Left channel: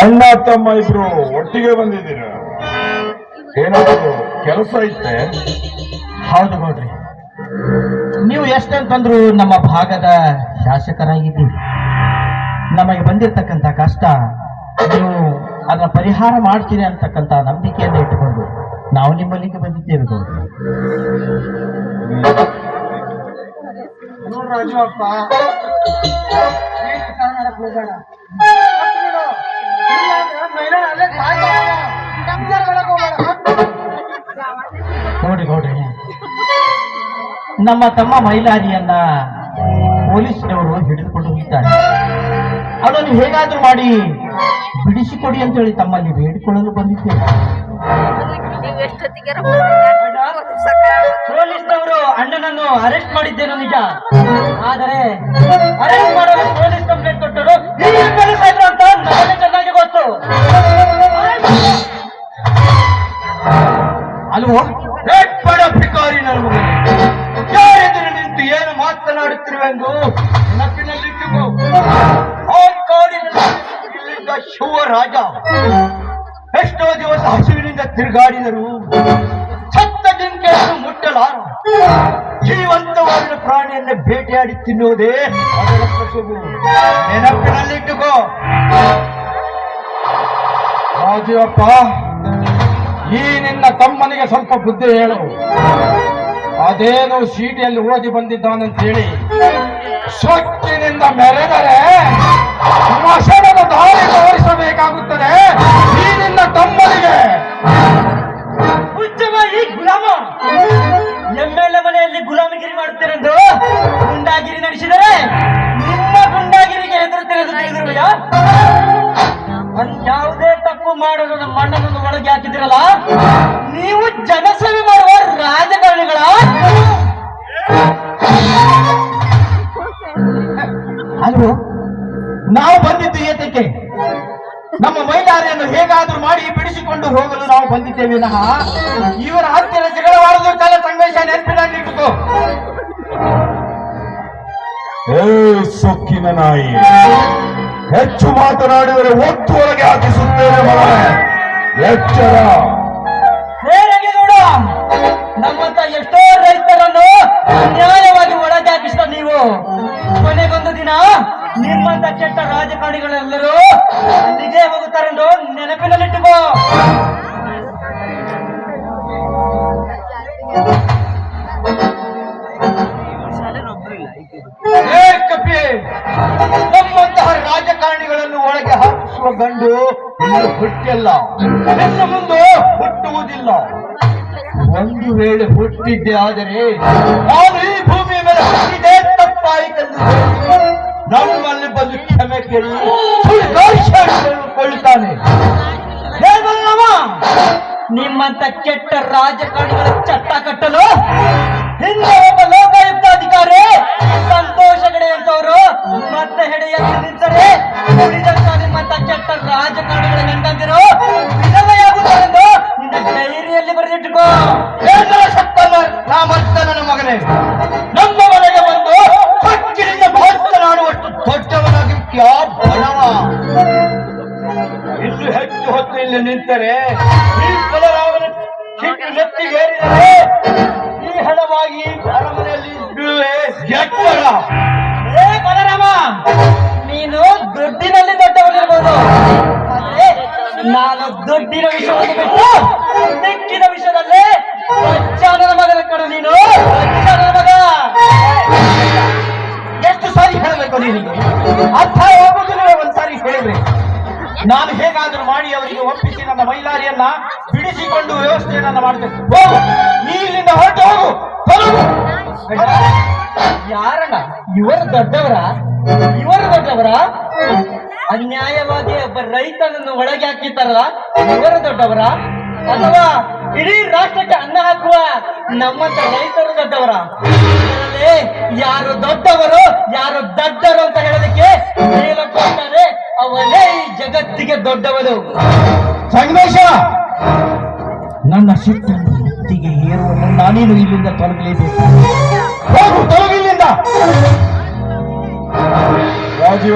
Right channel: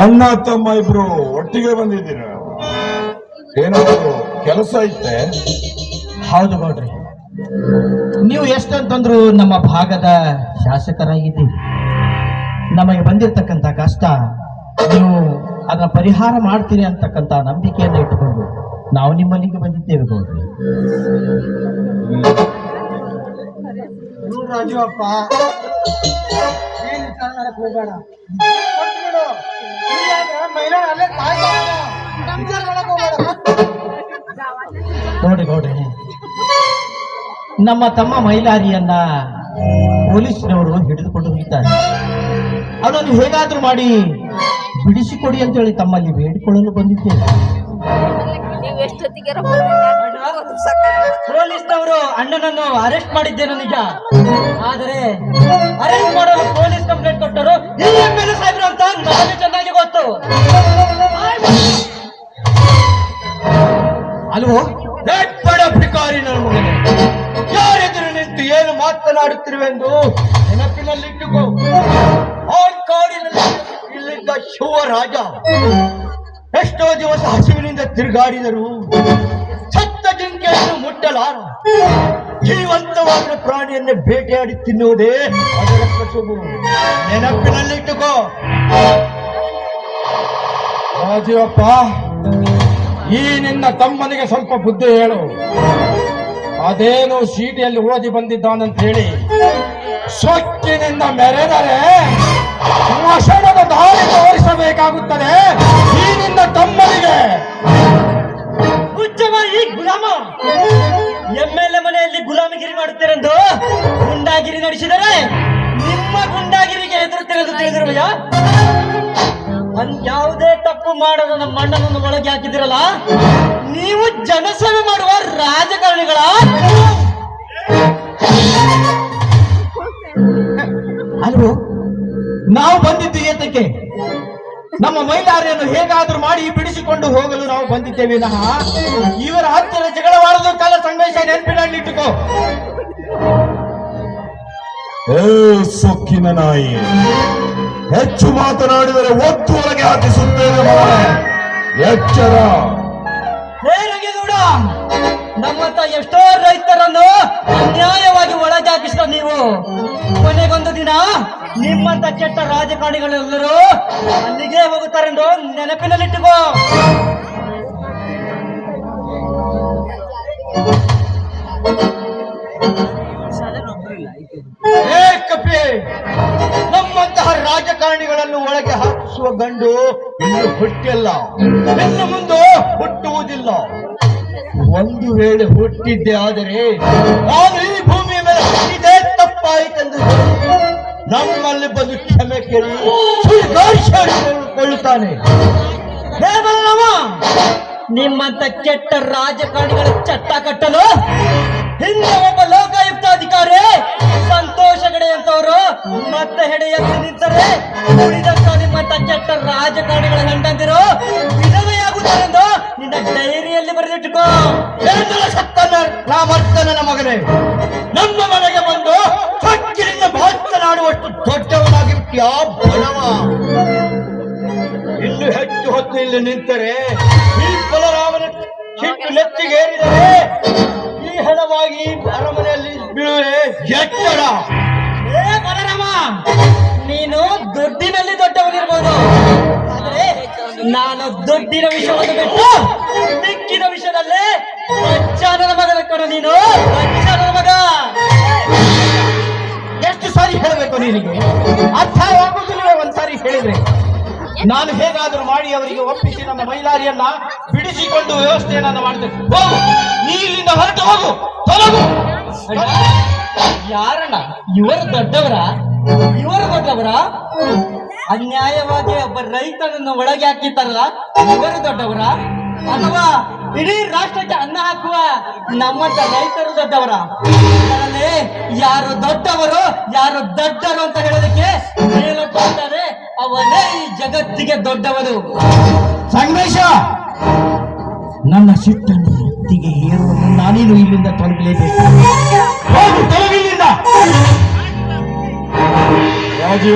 ಅಣ್ಣ ತಮ್ಮ ಇಬ್ರು ಒಟ್ಟಿಗೆ ಬಂದಿದ್ದೀರ, ಏನಾದ್ರು ಕೆಲಸ ಐತೆ? ಹೌದು ಗೌಡ್ರಿ, ನೀವು ಎಷ್ಟಂತಂದ್ರು ನಮ್ಮ ಭಾಗದ ಶಾಸಕರಾಗಿದ್ದೀರಿ. ನಮಗೆ ಬಂದಿರತಕ್ಕಂಥ ಕಷ್ಟ ನೀವು ಅದನ್ನ ಪರಿಹಾರ ಮಾಡ್ತೀರಿ ಅಂತಕ್ಕಂಥ ನಂಬಿಕೆಯನ್ನು ಇಟ್ಟುಕೊಂಡು ನಾವು ನಿಮ್ಮಲ್ಲಿಗೆ ಬಂದಿದ್ದೇವೆ ಗೌಡ್ರಿ. ರಾಜುವಪ್ಪ, ನೋಡಿ ಗೌಡ್ರಿ, ನಮ್ಮ ತಮ್ಮ ಮೈಲಾರಿಯನ್ನ ಪೊಲೀಸ್ನವರು ಹಿಡಿದುಕೊಂಡು ಹೋಗಿದ್ದಾರೆ. ಅದನ್ನು ಹೇಗಾದ್ರೂ ಮಾಡಿ ಬಿಡಿಸಿಕೊಡಿ ಅಂತ ಹೇಳಿ ತಮ್ಮಲ್ಲಿ ಬೇಡಿಕೊಳ್ಳಲು ಬಂದಿದ್ದೇವೆ. ಪೊಲೀಸ್ನವರು ಅಣ್ಣನನ್ನು ಅರೆಸ್ಟ್ ಮಾಡಿದ್ದೇನು ನಿಜ, ಆದರೆ ಅರೆಸ್ಟ್ ಮಾಡಲು ಪೊಲೀಸ್ ಕಂಪ್ಲೇಂಟ್ ಕೊಟ್ಟರು ಈ ಎಂ.ಎಲ್.ಎ. ಸಾಹೇಬ್ರು ಅಂತ ನನಗೆ ಚೆನ್ನಾಗಿ ಗೊತ್ತು. ಅಲ್ವೋ ಬಡ ಭಿಕಾರಿ ನನ್ನ ಮಗನೇ, ಯಾರೆದುರು ನಿಂತು ಏನು ಮಾತನಾಡುತ್ತಿರುವೆಂದು ನೆನಪಿನಲ್ಲಿಟ್ಟುಕೋ. ಆ ಕಾಡಿನಲ್ಲಿ ಇಲ್ಲಿದ್ದ ಶಿವರಾಜ ಎಷ್ಟೋ ದಿವಸ ಹಸಿವಿನಿಂದ ತಿರುಗಾಡಿದರು. ಸತ್ತ ಜಿಂಕೆಯನ್ನು ಮುಟ್ಟಲಾರ, ಜೀವಂತವಾದ ಪ್ರಾಣಿಯನ್ನು ಬೇಟೆಯಾಡಿ ತಿನ್ನುವುದೇ ಅದರ ಕಸುಬು. ನೆನಪಿನಲ್ಲಿಟ್ಟುಕೋ. ರಾಜೀವಪ್ಪ, ಈ ನಿನ್ನ ತಮ್ಮನಿಗೆ ಸ್ವಲ್ಪ ಬುದ್ಧಿ ಹೇಳು. ಅದೇನು ಸೀಟಿಯಲ್ಲಿ ಓದಿ ಬಂದಿದ್ದಾನಂತ ಹೇಳಿ ಸೊಕ್ಕಿನಿಂದ ಮೆರೆದರೆ ಮಸಣದ ದಾರಿ ತೋರಿಸಬೇಕಾಗುತ್ತದೆ ಈ ನಿನ್ನ ತಮ್ಮನಿಗೆ. ಈ ಗುಲಾಮ ಎಂ.ಎಲ್.ಎ. ಮನೆಯಲ್ಲಿ ಗುಲಾಮಗಿರಿ ಮಾಡುತ್ತೇನೆಂದು ಗುಂಡಾಗಿರಿ ನಡೆಸಿದರೆ ನಿಮ್ಮ ಗುಂಡಾಗಿರಿಗೆ ಹೆದರುತ್ತೇನೆಂದು ತಿಳಿದಿರುವೆಯ? ಯಾವುದೇ ತಪ್ಪು ಮಾಡಲು ನಮ್ಮ ಅಣ್ಣನನ್ನು ಒಳಗೆ ಹಾಕಿದಿರಲ್ಲ, ನೀವು ಜನಸೇವೆ ಮಾಡುವ ರಾಜಕಾರಣಿಗಳ. ಅಲ್ವೋ ನಾವು ಬಂದಿದ್ದು ಏತಕ್ಕೆ? ನಮ್ಮ ಮೈಲಾರಿಯನ್ನು ಹೇಗಾದ್ರೂ ಮಾಡಿ ಬಿಡಿಸಿಕೊಂಡು ಹೋಗಲು ನಾವು ಬಂದಿದ್ದೇವೆ ವಿನಃ ಇವರ ಹತ್ತಿರ ಜಗಳವಾಡಲು ಕಾಲ ಸಂದೇಶ ನೆನಪಿನಲ್ಲಿಟ್ಟುಕೋ. ಏ ಸೊಕ್ಕಿನ ನಾಯಿ, ಹೆಚ್ಚು ಮಾತನಾಡಿದರೆ ಒತ್ತು ಒಳಗೆ ಹಾಕಿಸುತ್ತೇನೆ ಮಗನೇ, ಎಚ್ಚರ. ನೋಡ, ನಮ್ಮಂತ ಎಷ್ಟೋ ರೈತರನ್ನು ಅನ್ಯಾಯವಾಗಿ ಒಳಗೆ ಹಾಕಿಸಿದ ನೀವು ಕೊನೆಗೊಂದು ದಿನ ನಿಮ್ಮಂತ ಕೆಟ್ಟ ರಾಜಕಾರಣಿಗಳೆಲ್ಲರೂ ಅಲ್ಲಿಗೆ ಹೋಗುತ್ತಾರೆಂದು ನೆನಪಿನಲ್ಲಿಟ್ಟುಕೋ. ನಮ್ಮಂತಹ ರಾಜಕಾರಣಿಗಳನ್ನು ಒಳಗೆ ಹಾಕಿಸುವ ಗಂಡು ಇನ್ನು ಹುಟ್ಟಿಲ್ಲ, ಇನ್ನು ಮುಂದೆ ಹುಟ್ಟುವುದಿಲ್ಲ. ಒಂದು ವೇಳೆ ಹುಟ್ಟಿದ್ದೆ ಆದರೆ ನಾನು ಈ ಭೂಮಿಯ ಮೇಲೆ ಹುಟ್ಟಿದೆ ತಪ್ಪಾಯಿತೆಂದು ನಮ್ಮಲ್ಲಿ ಬಂದು ಕ್ಷಮೆ ಕೇಳಿ ಕೊಳ್ಳುತ್ತಾನೆ. ನಿಮ್ಮಂತ ಕೆಟ್ಟ ರಾಜಕಾರಣಿಗಳ ಚಟ್ಟ ಕಟ್ಟಲು ಹಿಂದೆ ಒಬ್ಬ ಲೋಕಾಯುಕ್ತ ಅಧಿಕಾರಿ ಸಂತೋಷ ಗಡೆ ಅಂತವರು ಮತ್ತೆ ಹೆಡೆಯಲ್ಲಿ ನಿಂತರೆ ಉಳಿದಂತ ನಿಮ್ಮಂತ ಕೆಟ್ಟ ರಾಜಕಾರಣಿಗಳ ಗಂಡಂದಿರು ವಿಧವೆಯಾಗುತ್ತಾರೆಂದು ನಿನ್ನ ಡೈರಿಯಲ್ಲಿ ಬರೆದಿಟ್ಟುಕೋ. ನನ್ನ ಮಗನೇ, ನಮ್ಮ ಮನೆಗೆ ಬಂದು ಹಕ್ಕಿನಿಂದ ಮಾತನಾಡುವಷ್ಟು ದೊಡ್ಡವನಾಗಿರ್ತೀಯಾ ಬಡವ? ಇನ್ನು ಹೆಚ್ಚು ಹೊತ್ತು ಇಲ್ಲಿ ನಿಂತರೆ ಈ ಬಲರಾಮನ ಚಿಟ್ಟು ನೆತ್ತಿಗೇರಿದರೆ ಈ ಹಣವಾಗಿ ಅರಮನೆಯಲ್ಲಿ ಬೀಳುವೆ. ಎಚ್ಚರ. ಬಲರಾಮ, ನೀನು ದುಡ್ಡಿನಲ್ಲಿ ದೊಡ್ಡವನಿರ್ಬೋದು, ಆದರೆ ನಾನು ದುಡ್ಡಿನ ವಿಷಯವನ್ನು ಬಿಟ್ಟು ಮಿಕ್ಕಿದ ವಿಷಯದಲ್ಲಿ ಬಚ್ಚಾನನ ಮಗನ ಕಣ. ನೀನು ಬಚ್ಚಾನನ ಮಗ. ಎಷ್ಟು ಸಾರಿ ಹೇಳಬೇಕು ನಿನಗೆ? ಅರ್ಥ ಹೋಗುದಿಲ್ಲ. ಒಂದ್ಸಾರಿ ಹೇಳಿದ್ರೆ ನಾನು ಹೇಗಾದರೂ ಮಾಡಿ ಅವರಿಗೆ ಒಪ್ಪಿಸಿ ನನ್ನ ಮೈಲಾರಿಯನ್ನ ಬಿಡಿಸಿಕೊಂಡು ವ್ಯವಸ್ಥೆಯನ್ನ ಮಾಡ್ತೇನೆ. ಹೋಗು, ನೀ ಇಲ್ಲಿಂದ ಹೊರಟು ಹೋಗು, ತೊಲಗು. ಯಾರಣ್ಣ ಇವರು ದೊಡ್ಡವರ? ಇವರು ದೊಡ್ಡವರ? ಅನ್ಯಾಯವಾಗಿ ಒಬ್ಬ ರೈತನನ್ನು ಒಳಗೆ ಹಾಕಿದ್ದಾರಲ್ಲ, ಇವರು ದೊಡ್ಡವರ? ಅಥವಾ ಇಡೀ ರಾಷ್ಟ್ರಕ್ಕೆ ಅನ್ನ ಹಾಕುವ ನಮ್ಮಂತ ರೈತರು ದೊಡ್ಡವರ? ಯಾರು ದೊಡ್ಡವರು ಯಾರು ದೊಡ್ಡರು ಅಂತ ಹೇಳೋದಕ್ಕೆ ಮೇಲೊಟ್ಟಾರೆ ಅವನೇ ಈ ಜಗತ್ತಿಗೆ ದೊಡ್ಡವರು. ಸಂಗಮೇಶ, ನನ್ನ ಸಿಟ್ಟನ್ನು ಹೊತ್ತಿಗೆ ಹೇರುವ ಮುನ್ನ ನೀನು ಇಲ್ಲಿಂದ ತೊಲಗಲೇಬೇಕು. ಹೋಗು, ತೊಲಗಿಲ್ಲಿಂದ.